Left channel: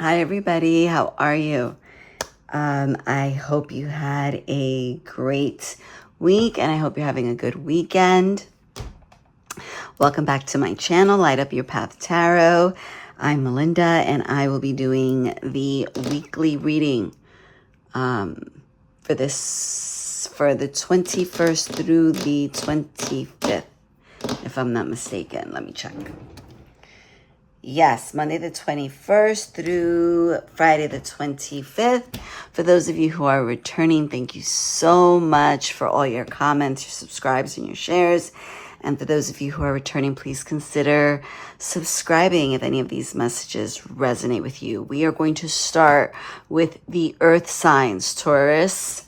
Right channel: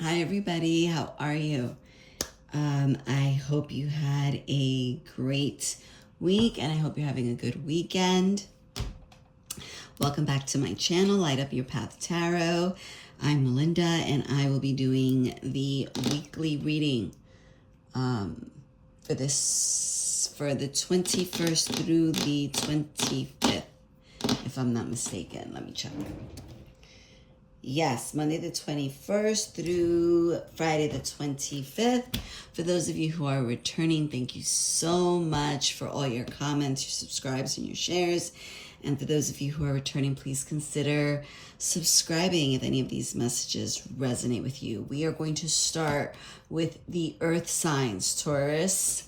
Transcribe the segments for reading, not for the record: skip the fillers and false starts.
Hi, everybody. How are you? I hope you had a great week and I hope you're having a good weekend. Welcome back to my channel, Light Up Your Path Tarot. I'm Melinda and I will be doing the weekly reading for the 21st through the 25th, if I'm not mistaken. Let me check. Yes, Monday the 21st through Friday the 25th. For those of you who are returning, thank you so much for all your comments, your subscribes, and your shares. And for those of you who are returning, please consider subscribing if any of these messages resonate with you. We are going to start with the earth signs, Taurus,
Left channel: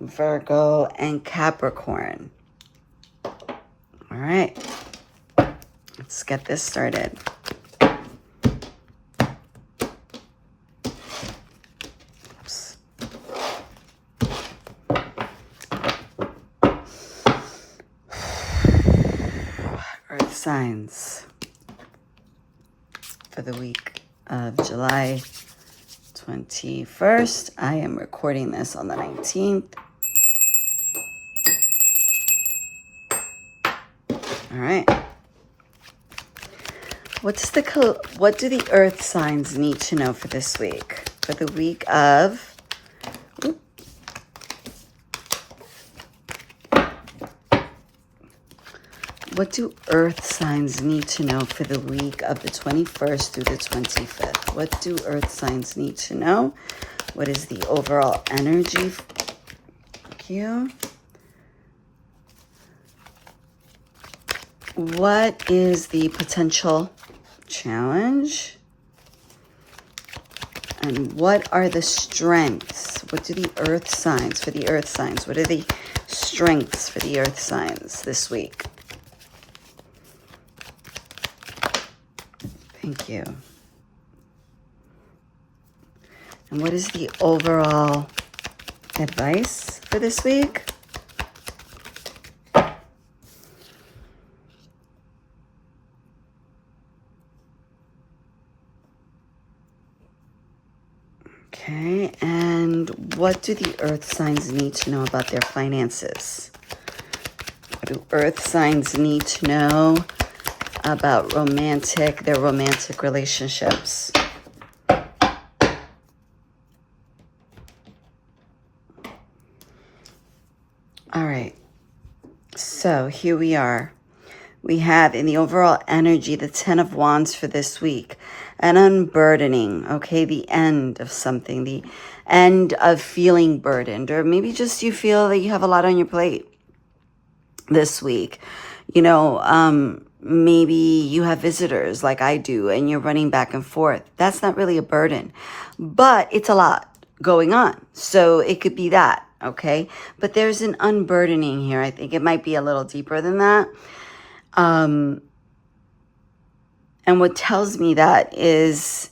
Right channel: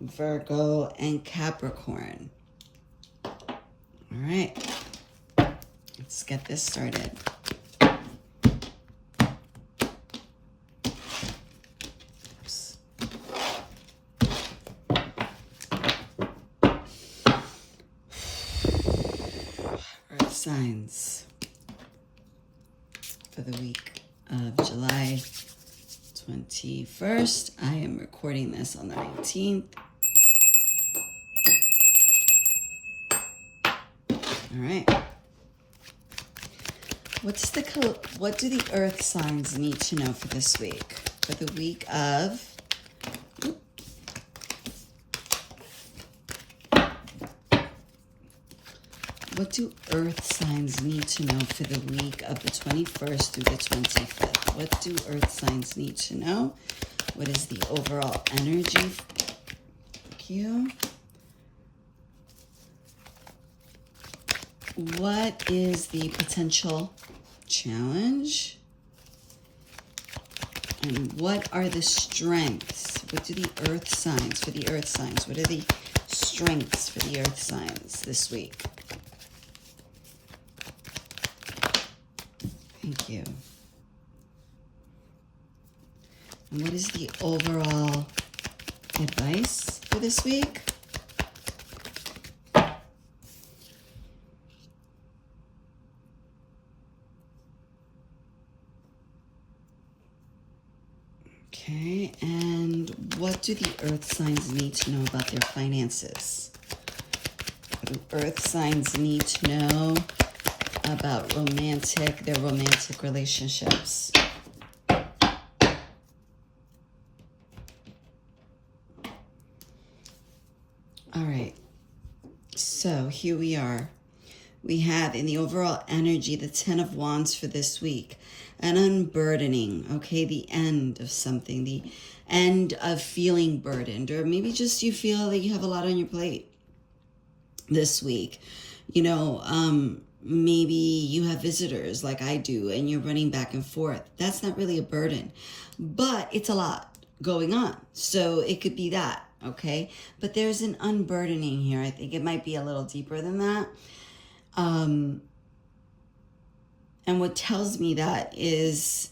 Virgo, and Capricorn. All right, let's get this started. Earth signs for the week of July 21st. I am recording this on the 19th. All right. What do the earth signs need to know for this week? For the week of What do earth signs need to know for the week of the 21st through the 25th? What do earth signs need to know? What is the overall energy? Thank you. What is the potential challenge? And what are the strengths? What do the earth signs for the earth signs? What are the strengths for the earth signs this week? Thank you. And what is the overall advice for this week? Okay, and what do the earth signs need to know about their finances? What do earth signs need to know about their romantic relationships? All right, so here we are. We have in the overall energy, the 10 of Wands for this week, an unburdening, okay? The end of something, the end of feeling burdened, or maybe just you feel that you have a lot on your plate this week. You know, maybe you have visitors like I do and you're running back and forth. That's not really a burden, but it's a lot going on. So it could be that, okay? But there's an unburdening here. I think it might be a little deeper than that. And what tells me that is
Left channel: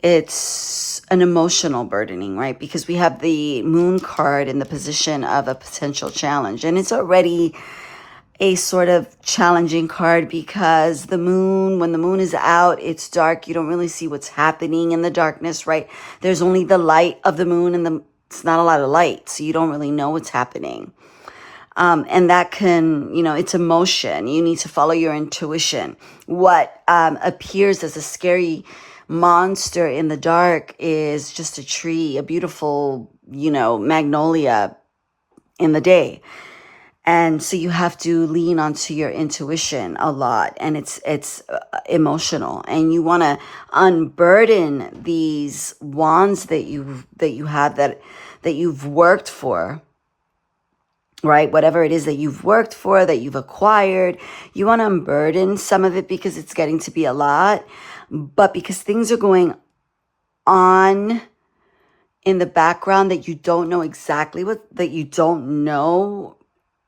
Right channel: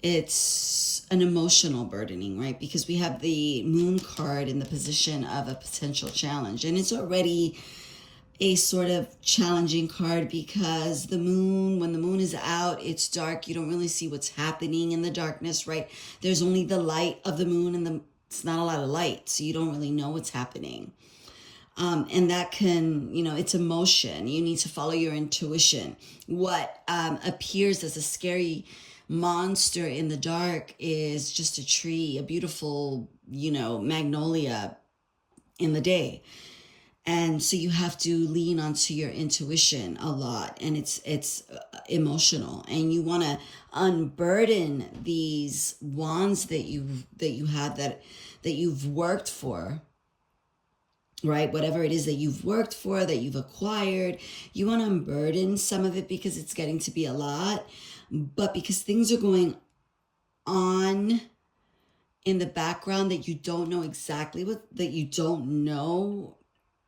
it's an emotional burdening, right? Because we have the moon card in the position of a potential challenge. And it's already a sort of challenging card because the moon, when the moon is out, it's dark. You don't really see what's happening in the darkness, right? There's only the light of the moon and it's not a lot of light. So you don't really know what's happening. And that can, you know, it's emotion. You need to follow your intuition. What appears as a scary monster in the dark is just a tree, a beautiful, you know, magnolia in the day. And so you have to lean onto your intuition a lot, and it's emotional, and you want to unburden these wands that you have that you've worked for, right? Whatever it is that you've worked for, that you've acquired, you want to unburden some of it because it's getting to be a lot, but because things are going on in the background that you don't know exactly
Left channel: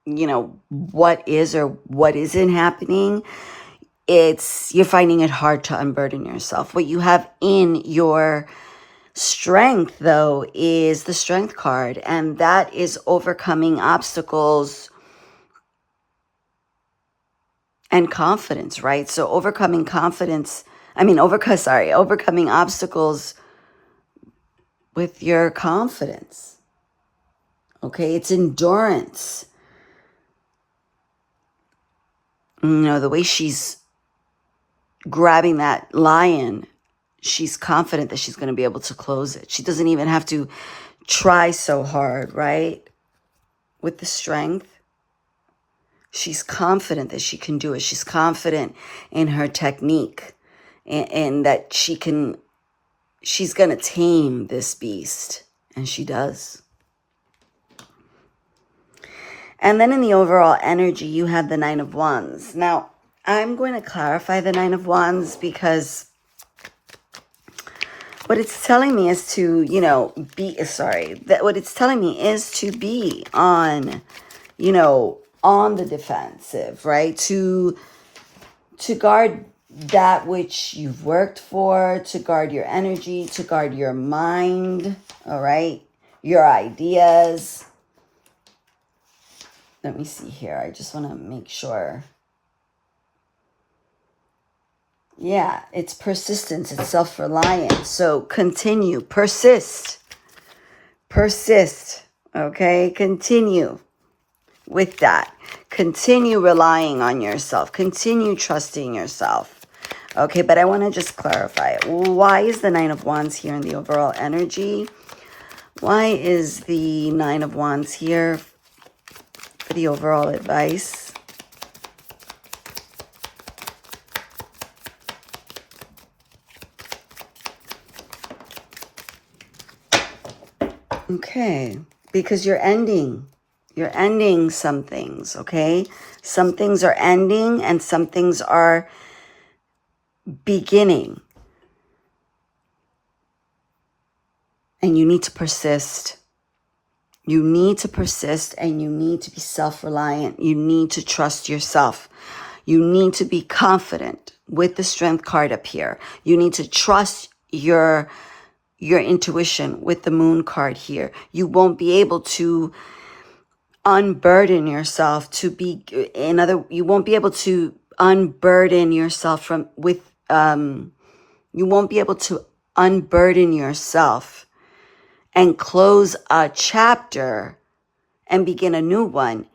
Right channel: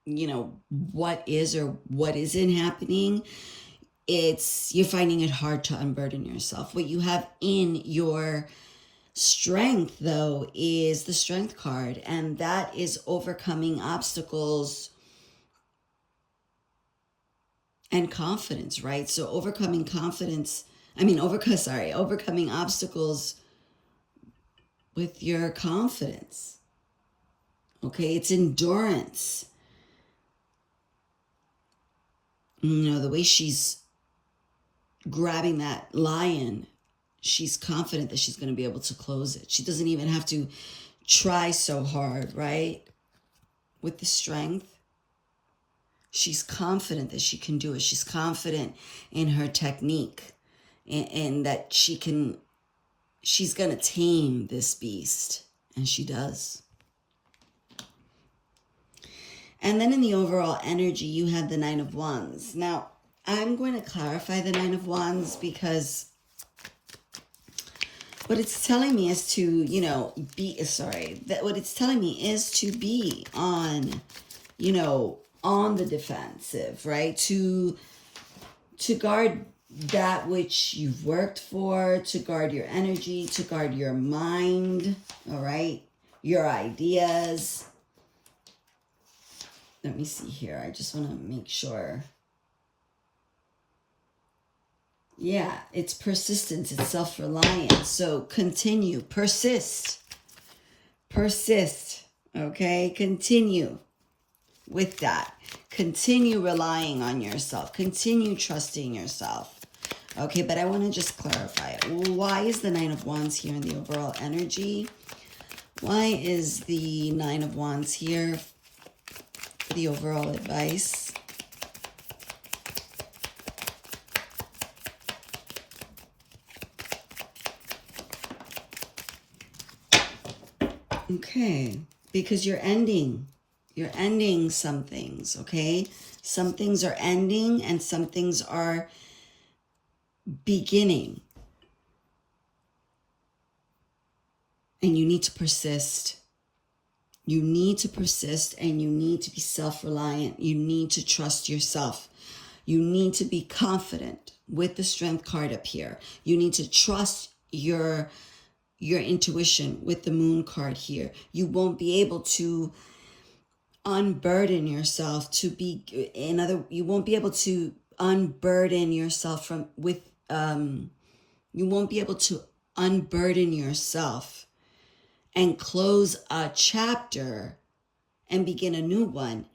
you know, what is or what isn't happening, you're finding it hard to unburden yourself. What you have in your strength, though, is the strength card, and that is overcoming obstacles and confidence, right? So overcoming obstacles with your confidence. Okay, it's endurance. You know, the way she's grabbing that lion, she's confident that she's going to be able to close it. She doesn't even have to try so hard, right? With the strength. She's confident that she can do it. She's confident in her technique and that she's going to tame this beast. And she does. And then in the overall energy, you have the Nine of Wands. Now, I'm going to clarify the Nine of Wands because what it's telling me is to, what it's telling me is to be on, on the defensive, right? To guard that which you've worked for, to guard your energy, to guard your mind, all right? Your ideas. Let me see here. I just want to make sure. Yeah, it's persistence. It's self-reliance. So continue. Persist. Okay? Continue with that. Continue relying on yourself. Continue trusting yourself. Okay, but I want to just clarify. Why is the Nine of Wands here in the overall energy? Why is the Nine of Wands here for the overall advice? Okay, because you're ending some things, okay? Some things are ending and some things are beginning. And you need to persist. You need to persist and you need to be self-reliant. You need to trust yourself. You need to be confident with the Strength card up here. You need to trust your intuition with the Moon card here. You won't be able to unburden yourself you won't be able to unburden yourself you won't be able to unburden yourself and close a chapter and begin a new one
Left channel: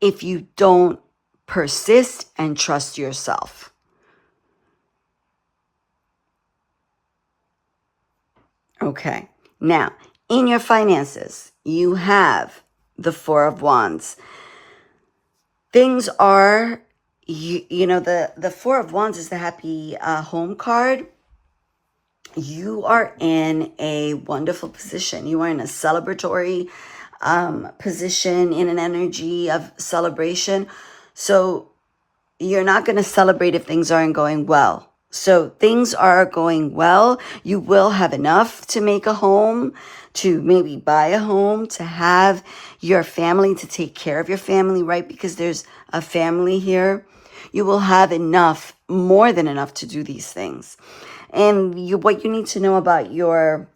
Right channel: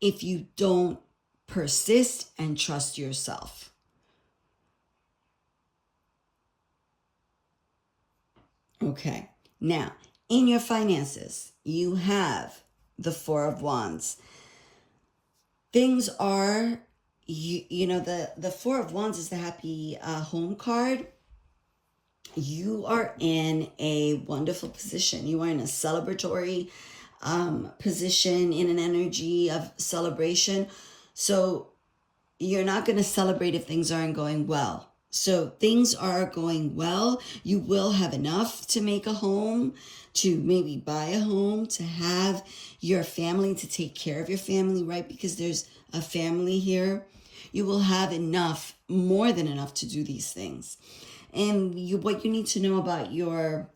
if you don't persist and trust yourself. Okay, now in your finances, you have the Four of Wands. Things are, the Four of Wands is the happy home card. You are in a wonderful position. You are in a celebratory position, in an energy of celebration. So you're not going to celebrate if things aren't going well. So things are going well. You will have enough to make a home, to maybe buy a home, to have your family, to take care of your family, right? Because there's a family here. You will have enough, more than enough to do these things. And what you need to know about your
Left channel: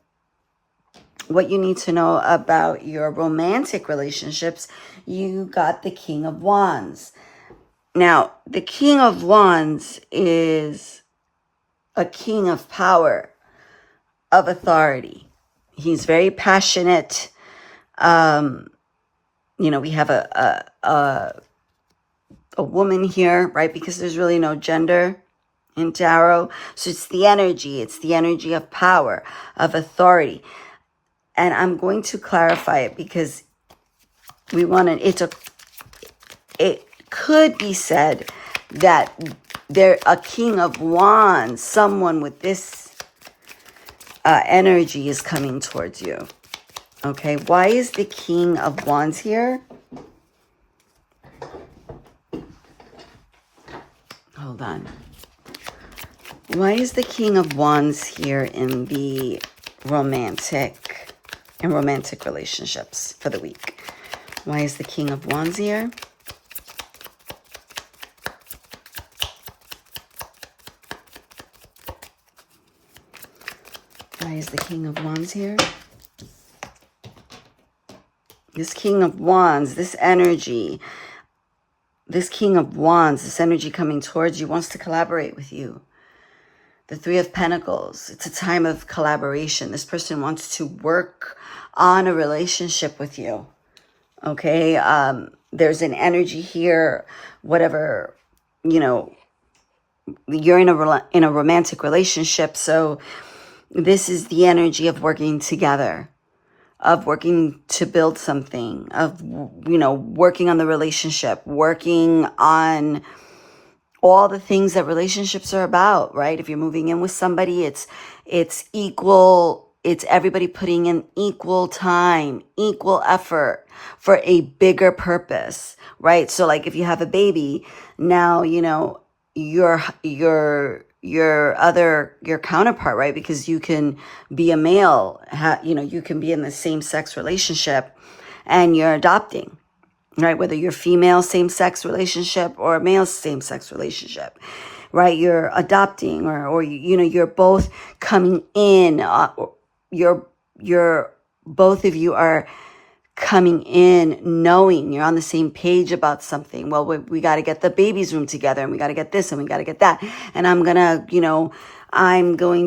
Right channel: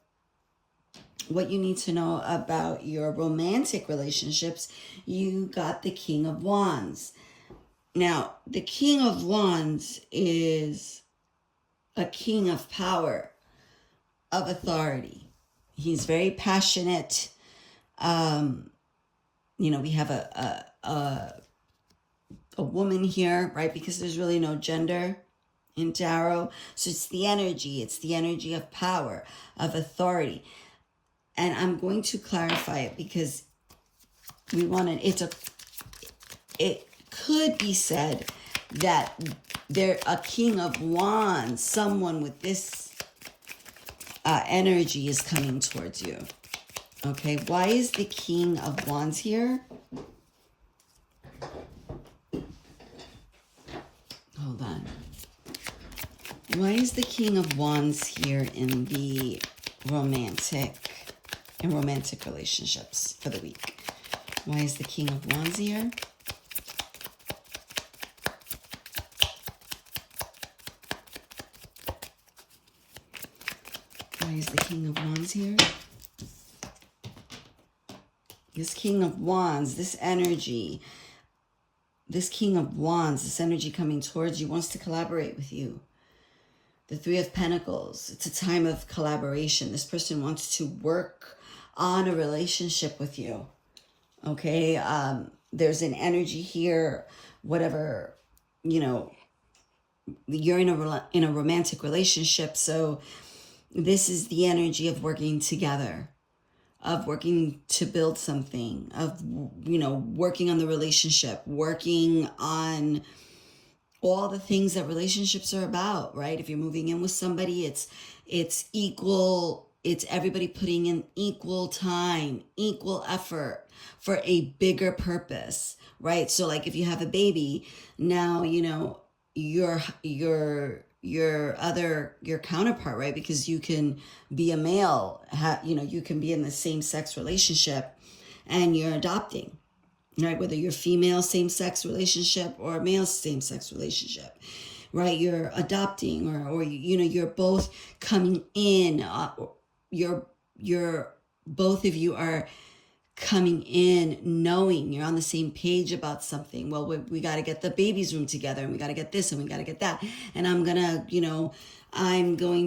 romantic relationships, you got the King of Wands. Now, the King of Wands is a king of power, of authority. He's very passionate. We have a woman here, right? Because there's really no gender in tarot. So it's the energy of power, of authority. And I'm going to clarify it because it could be said that they're a King of Wands, someone with this energy is coming towards you. Okay, why is the King of Wands here? Hold on. Why is the King of Wands here in the romantic relationships for the week? Why is the King of Wands here? Why is the King of Wands here? This King of Wands, this energy, this King of Wands, this energy coming towards you wants to collaborate with you. The Three of Pentacles. It's a time of collaboration. This person wants to work on a relationship with you. Okay? There's an energy here, whatever, you know, you're in a romantic relationship. So this is the energy of working together, of working to build something, of, you know, working on the relationship, working on all the things that relationships are about, right? If you're moving in with somebody, it's equal. It's everybody putting in equal time, equal effort for a bigger purpose, right? So like if you have a baby, now, you know, your counterpart, right? Because you can be a male, you know, you can be in the same sex relationship and you're adopting, right? Whether you're female same-sex relationship or a male same-sex relationship, right? You're adopting or you know, you're both coming in, both of you are coming in knowing you're on the same page about something. Well, we got to get the baby's room together and we got to get this and we got to get that. And I'm going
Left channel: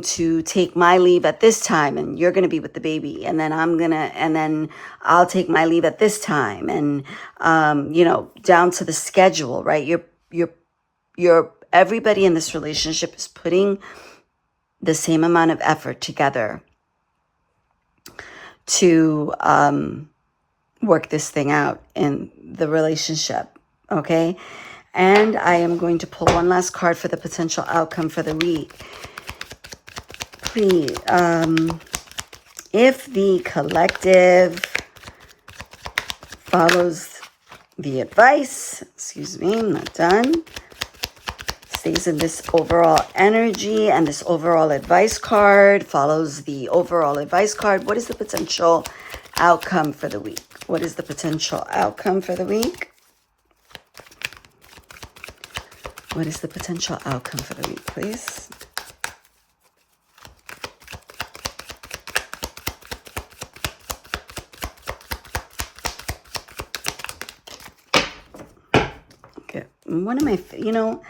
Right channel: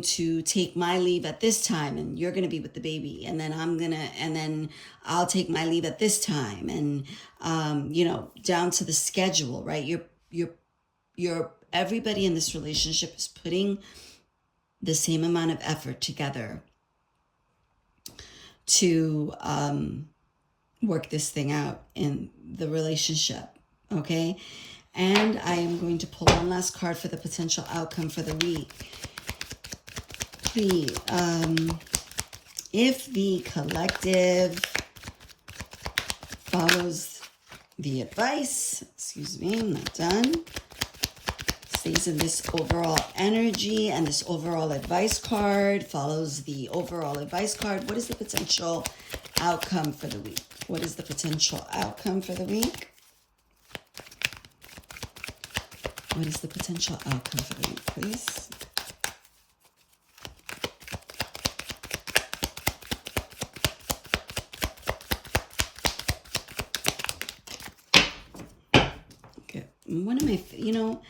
to take my leave at this time and you're going to be with the baby. And then I'll take my leave at this time. And, you know, down to the schedule, right? Everybody in this relationship is putting the same amount of effort together to, work this thing out in the relationship. Okay. And I am going to pull one last card for the potential outcome for the week. Please, if the collective follows the advice, excuse me, I'm not done, stays in this overall energy and this overall advice card, follows the overall advice card, what is the potential outcome for the week? What is the potential outcome for the week? What is the potential outcome for the week, please? Okay, one of my, you know,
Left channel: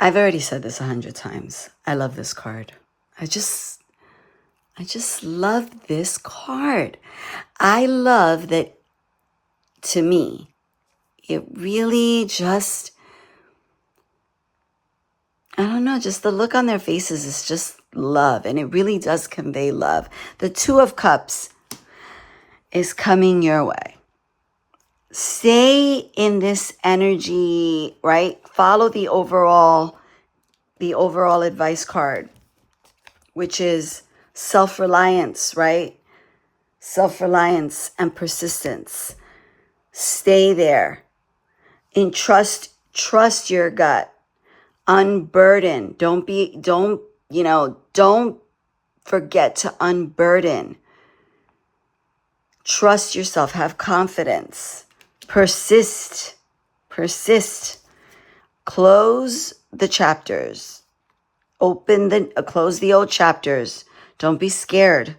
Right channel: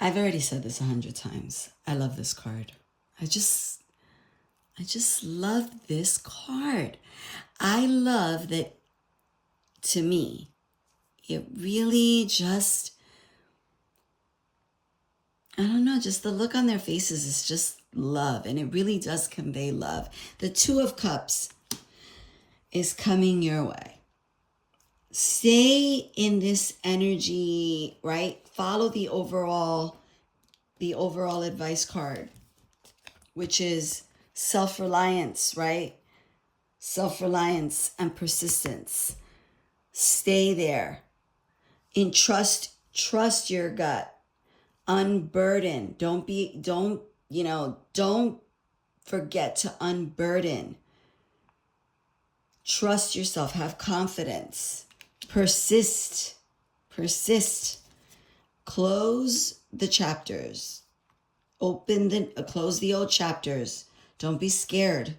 I've already said this 100 times. I love this card. I just love this card. I love that, to me, it really just, I don't know, just the look on their faces is just love. And it really does convey love. The Two of Cups is coming your way. Stay in this energy, right? Follow the overall advice card, which is self-reliance, right? Self-reliance and persistence. Stay there. Trust your gut. Unburden. Don't forget to unburden. Trust yourself. Have confidence. Persist. Close the chapters. Close the old chapters. Don't be scared.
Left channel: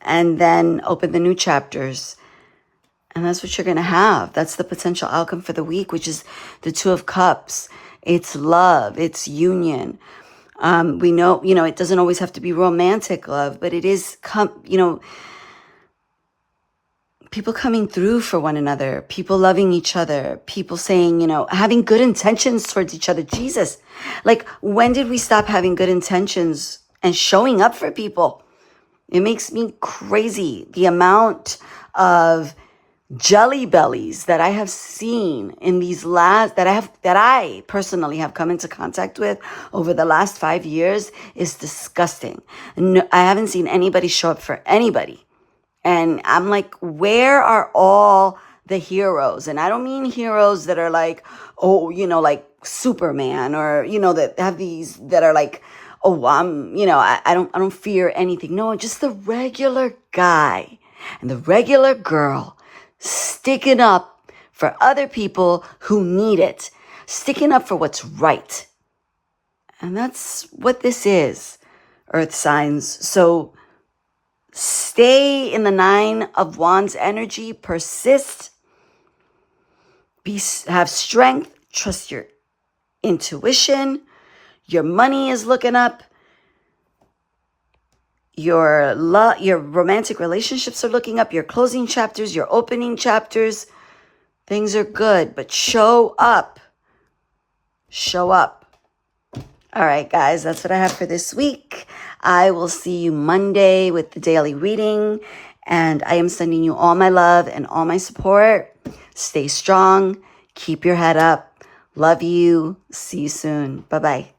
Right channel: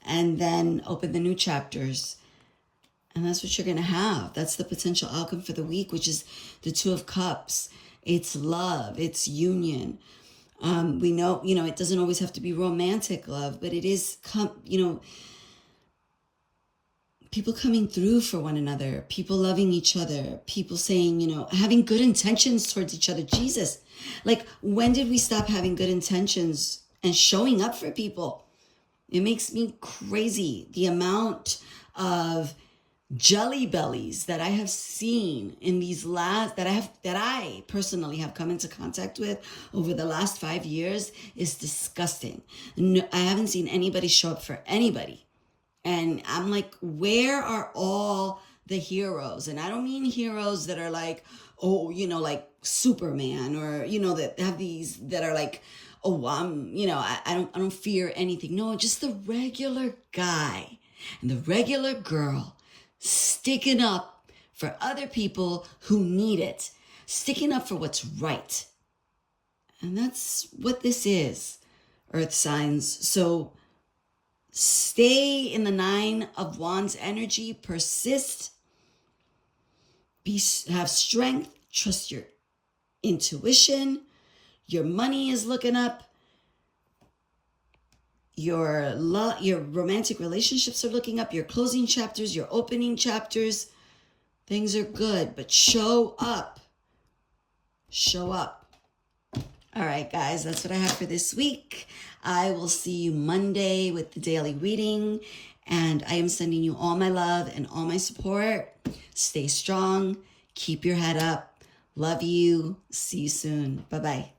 And then open the new chapters. And that's what you're going to have. That's the potential outcome for the week, which is the Two of Cups. It's love. It's union. We know, it doesn't always have to be romantic love, but it is, people coming through for one another, people loving each other, people saying, having good intentions towards each other. Jesus, like, when did we stop having good intentions and showing up for people? It makes me crazy. The amount of jelly bellies that I have seen in these that I personally have come into contact with over the last 5 years is disgusting. No, I haven't seen anybody show up for anybody. And I'm like, where are all the heroes? And I don't mean heroes that are like, like Superman, or, that have these, that are like, I don't fear anything. No, just the regular guy and the regular girl sticking up for other people who need it, sticking up for what's right. And that's what this is, Earth signs. So stay in the Nine of Wands energy, persist, have strength, trust your intuition. Your money is looking up. Your romantic relationships are looking up. Your closing chapters, your opening chapters. Things are good, but show up. Show up. All right, guys, that's what I have for this week. I will see you Monday with the daily reading. And I am sending you all my love and all my support. Stay strong. Keep your head up. Love you. See you soon. Bye-bye.